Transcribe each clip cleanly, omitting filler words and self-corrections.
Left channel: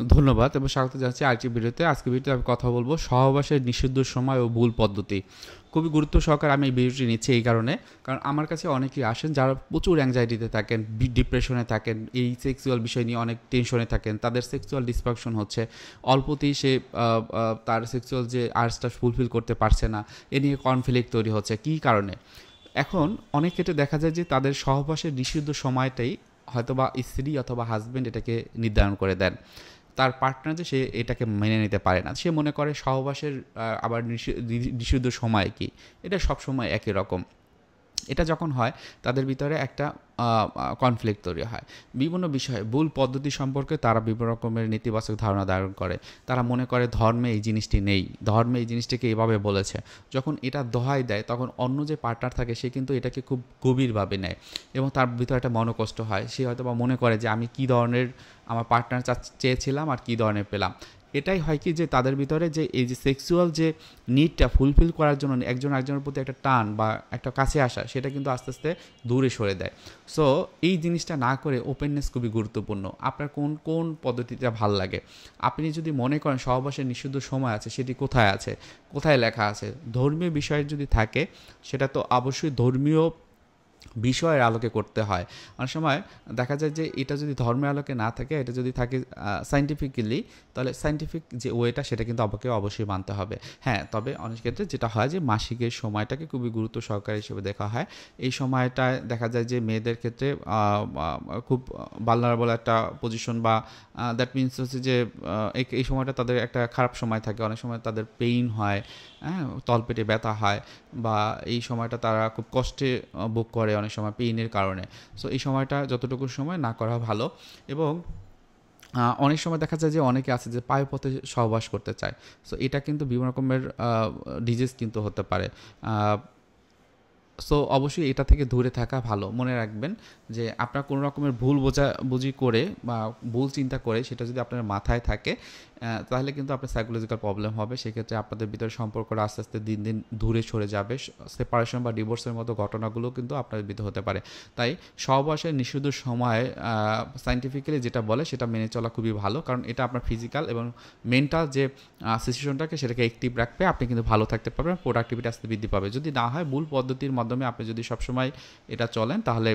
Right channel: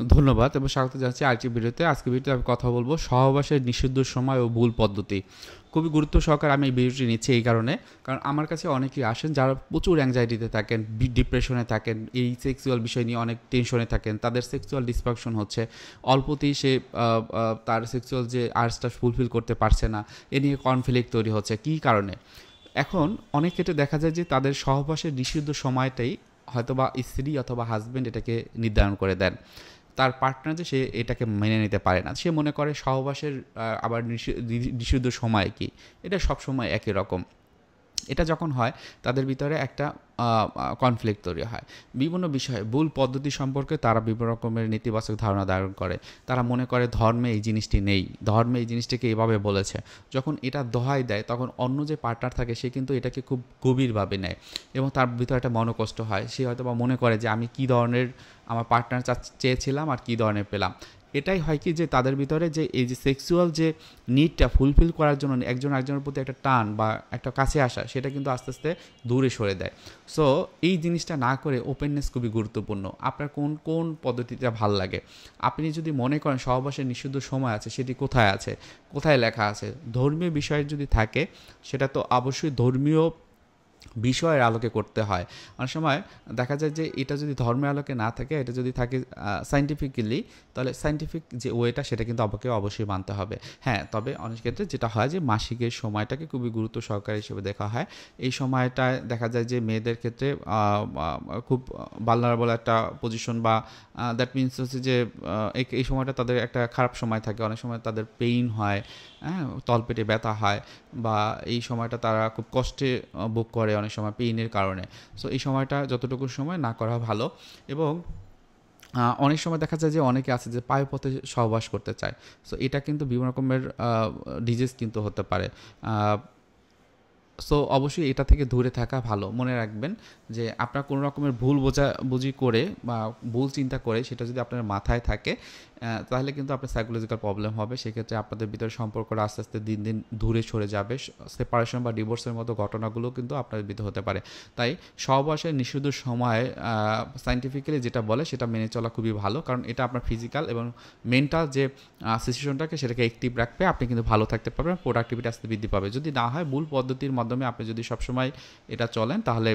ধন্যবাদ এবং স্বাগত জানাচ্ছি আরেকটি ভিডিওতে। আজকের ভিডিওতে আমি কথা বলবো সহবাসের নিষিদ্ধ সময় ও ভুল পদ্ধতি। খুবই গুরুত্ব সহকারে আমি এই ভিডিওটি নিচ্ছি এই কারণে, কারণ আমার কাছে অনেকেই আসেন যারা প্রচুর অ্যাংজাইটিতে থাকেন, ডিপ্রেশনে থাকেন, এই সেক্সুয়াল বিষয় নিয়ে অনেক টেনশনে থাকেন, তাদের সেক্সুয়াল ডিসফাংশন হচ্ছে, অল্পতেই সে তার সেক্সুয়াল যে আর্টসটা ফুলফিল করতে পারছে না, এ নিয়ে কনফ্লিক্ট তৈরি হচ্ছে। কী কারণে? এখন অনেক ক্ষেত্রে দেখা যায় যে তাদের সহবাসের নিষিদ্ধ সময়টাই হয়তোবা স্ত্রী অথবা হাজব্যান্ড এটাকে নির্ধারণ করে দেন। তার পার্টনার যে সে এটাকে মেনে নিতে পারে না, সে মনে করে সহবাসের আবার নিষিদ্ধ সময় কি, এটা সবসময় একই রকম। এটা যখন হয় তাদের ভিতরে একটা কনফ্লিক্ট তৈরি হয়। বিভিন্ন বিষয়ে ভুল পদ্ধতি সম্পর্কে তারা বিভিন্ন রকমের নেতিবাচক ধারণা ধারণ করে। তারা মনে করে ধর্মে এই জিনিসটি নেই, ধর্মে এই জিনিসটিকে এভাবে বলেছে। যখন এটা দোহাই দেয় তখন অন্য যে পার্টনার থাকে সে কিন্তু এটাকে খুব গভীরভাবে নেয় এবং তার ভিতরে একটা মনোকষ্ট হয়। সে হয়তো বা মনে করে যে আমি কী ধরনের আমার পার্টনার চেয়েছিলাম আর কী ধরনের পেলাম। এটাই হয় কি যে তাদের ভিতরে যে এই যে সেক্সুয়াল যে নিডটা ফুলফিল করার জন্য একজন আরেকজনের প্রতি একটা টান বা একটা কাছে আসা, সেটা কিন্তু আস্তে আস্তে দূরে সরে দেয়। সো এই জিনিসটা না করে ওপেননেস খুবই গুরুত্বপূর্ণ। আপনার কোন কোন পদ্ধতিটা ভাল লাগে, আপনি যদি মনে করেন সহবাসের নিষিদ্ধ সময় আছে, সেটি কোথায় আছে, কোথায় লেখা আছে, ধর্মীয় বিষয় যদি থাকে সেটা তো অবশ্যই ধর্মীয় বিষয়ের আলোকে করতে হয়। অনেক সময় দেখা যায় যে এটা যদি ধর্মের আলোকে না থাকে, এটা যদি থাকে সায়েন্টিফিক্যালি, তাহলে সায়েন্টিফিক যে ওয়েটা সেটা কিন্তু আমাকে অবশ্যই মানতে হবে। হ্যাঁ, তবে অনেক ক্ষেত্রে যেটা হয় যে মাসিকের সময়টাকে খুবই গুরুত্ব সহকারে হিসেবে দেখা হয়। এই সময়টায় দেখা যায় যে মেয়েদের ক্ষেত্রে খুব ভালনারেবল একটা পজিশন, বা দ্যাট মিনস হচ্ছে যে এই সময়টা তাদের একটা খারাপ সময় থাকে। অনেক সময় তাদের পেইন হয়, হ্যাঁ, তলপেটে ব্যথা হয়, বা এই সময়টা তারা খুব কষ্টে ভোগ করে অনেক সময় পেইনের কারণে। সো এই সময়টা যতটুকু সময় না করা ভালো। এবং অনেক সময় দেখা যায় যে অনেকে আছে যে পায়ুপথে সহবাস করতে চায়। সো এটা কিন্তু বিভিন্ন রকমের ডিজিজ কিন্তু হতে পারে। সো অবশ্যই এটা থেকে দূরে থাকা ভালো। মনে রাখবেন যে আপনার কোনো রকমের ভুল বোঝাবুঝি করে বা ভুল চিন্তা করে সেটা যদি আপনার মাথায় থাকে, তাহলে কিন্তু আপনার সাইকোলজিক্যাল প্রবলেম হবে। সেক্ষেত্রে আপনাদের ভিতরে সম্পর্কটা আস্তে আস্তে দিন দিন দূরে সরে যাবে। সেপারেশন বা ডিভোর্সের মতো ঘটনাগুলো কিন্তু আপনাদের ভিতরে হতে পারে। তাই সহবাসের নিষিদ্ধ সময়ে সায়েন্টিফিক্যালি যেটা বলে সেটা মেনে চলা খুবই ভালো, কারণ এটা আপনার ফিজিক্যাল এবং মেন্টাল যে সিচুয়েশনটাকে সেটাকে অ্যাক্টিভ রাখবে। আপনি কিন্তু ভালো থাকতে পারবেন, প্রোডাক্টিভিটি আস্তে বৃদ্ধি পাবে। যদি না হয় ভুল পদ্ধতির মাধ্যমে আপনি যদি সবসময় এটা চলেন, তাহলে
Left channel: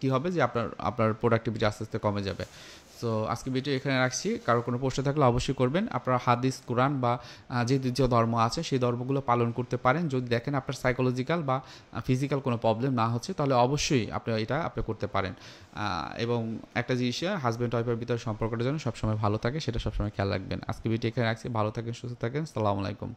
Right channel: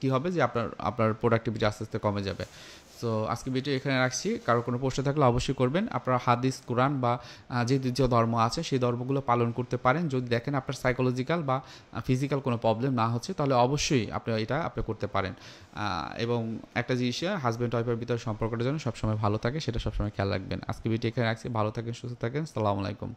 কি হবে যে আপনার প্রোডাক্টিভিটি আস্তে আস্তে কমে যাবে। সো আজকে ভিডিও এখানে রাখছি। কারো কোনো প্রশ্ন থাকলে অবশ্যই করবেন। আপনারা হাদিস, কোরআন বা যে ধর্ম আছে সেই ধর্মগুলো পালন করতে পারেন। যদি দেখেন আপনার সাইকোলজিক্যাল বা ফিজিক্যাল কোনো প্রবলেম না হচ্ছে, তাহলে অবশ্যই আপনি করতে পারেন। এবং একটা জিনিস, হাজব্যান্ড ওয়াইফের ভিতরে সম্পর্কটা যেন সবসময় ভালো থাকে, সেটা সবসময় খেয়াল রাখবেন। আজকে ভিডিও এখানে রাখছি। ভালো থাকেন, সুস্থ থাকেন। আসসালামু আলাইকুম।